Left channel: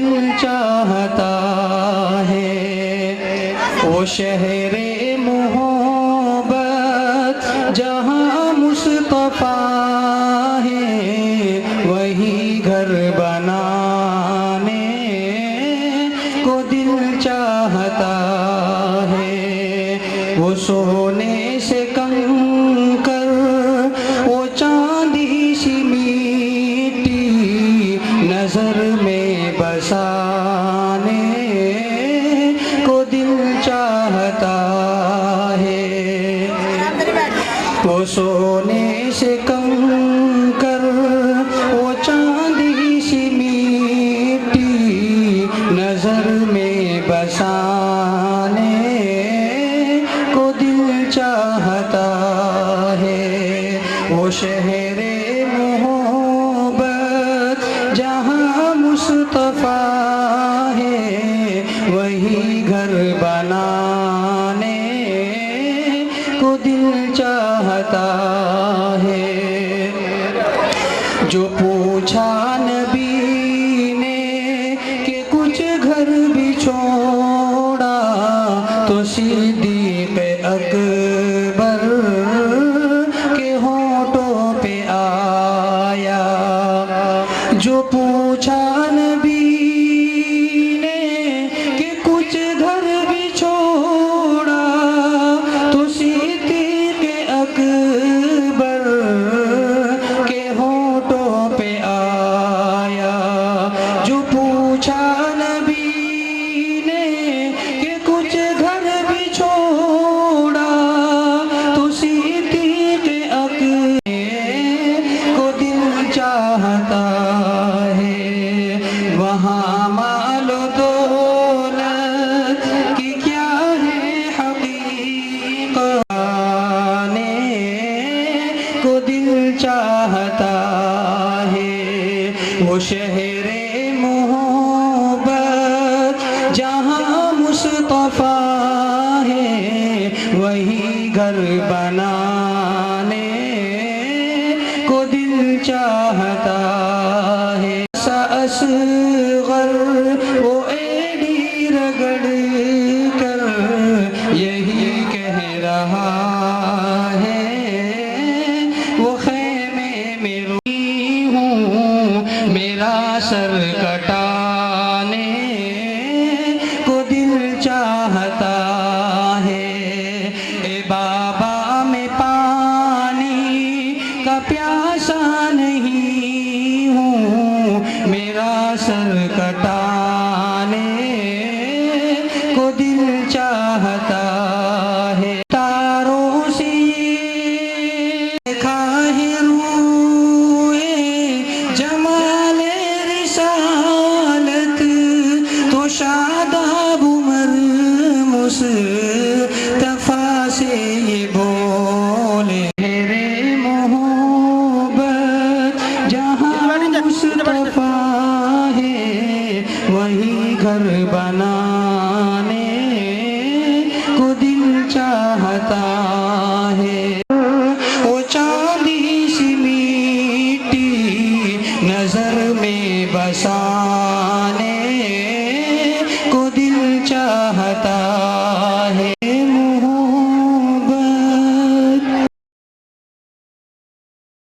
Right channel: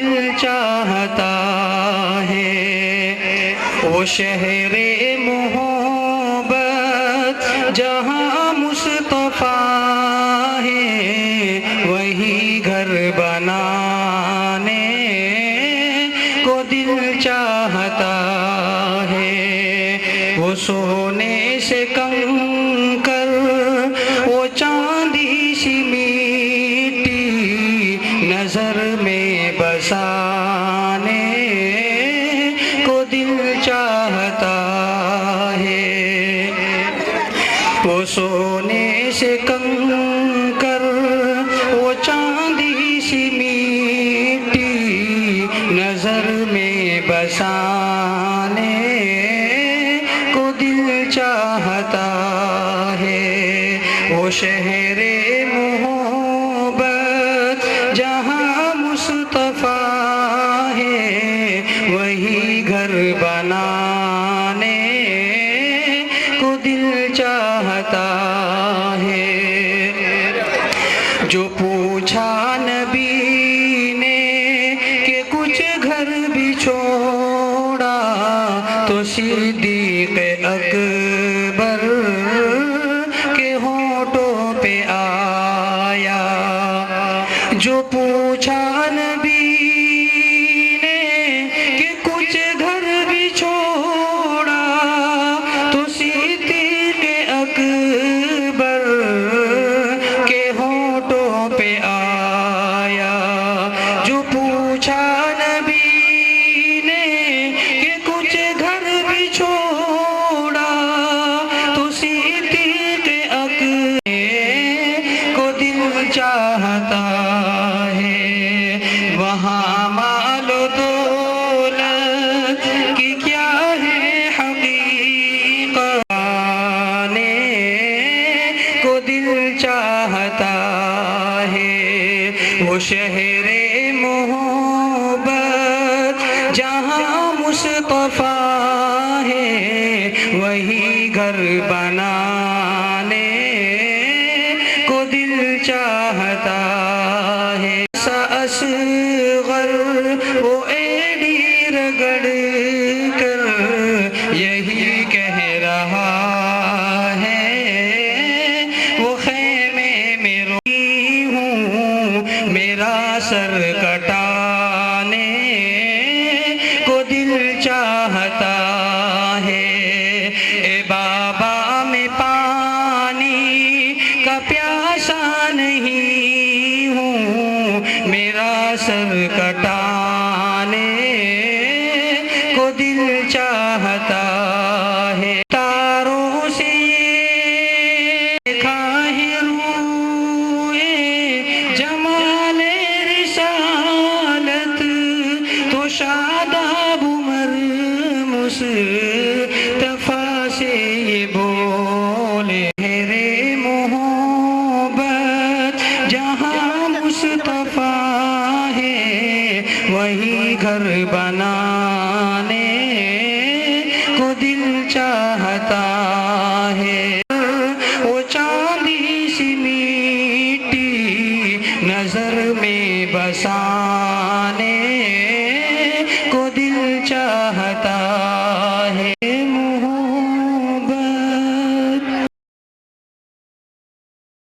دل چاہتا ہے، وہ شہر محبت جہاں مصطفیٰ ہے، وہی گھر بنانے کو دل چاہتا ہے، وہ سونے سے کنکر، وہ چاندی سی مٹی نظر میں بسانے کو دل چاہتا ہے، وہ سونے سے کنکر، وہ چاندی سی مٹی نظر میں بسانے کو دل چاہتا ہے، وہ شہر محبت جہاں مصطفیٰ ہے، وہی گھر بنانے کو دل چاہتا ہے۔ جو پوچھا نبی نے کہ کچھ گھر بھی چھوڑا، تو صدیق اکبر کے ہونٹوں پہ آیا، جو پوچھا نبی نے کہ کچھ گھر بھی چھوڑا، تو صدیق اکبر کے ہونٹوں پہ آیا، جو پوچھا نبی نے کہ کچھ گھر بھی چھوڑا، تو صدیق اکبر کو دل چاہتا ہے، وہاں مال و دولت کی کیا ہے حقیقت، آنے کو دل چاہتا ہے، وہ شہر محبت جہاں مصطفیٰ ہے، وہی گھر بنانے کو دل چاہتا ہے، اصغر وہ ایڑی رگڑ کر یہی کہہ رہا ہے، وہ خیمے میں روئی ہوں میرا سر کٹانے کو دل چاہتا ہے، اے بابا میں پانی کا پیاسا نہیں ہوں، میرا سر کٹانے کو دل چاہتا ہے، تاروں سے دیکھا ہے روئے جمال رسالت، تو شاداب عمر مصطفیٰ سے یہ بولے، میرے محبت جہاں مصطفیٰ ہے، وہی گھر بنا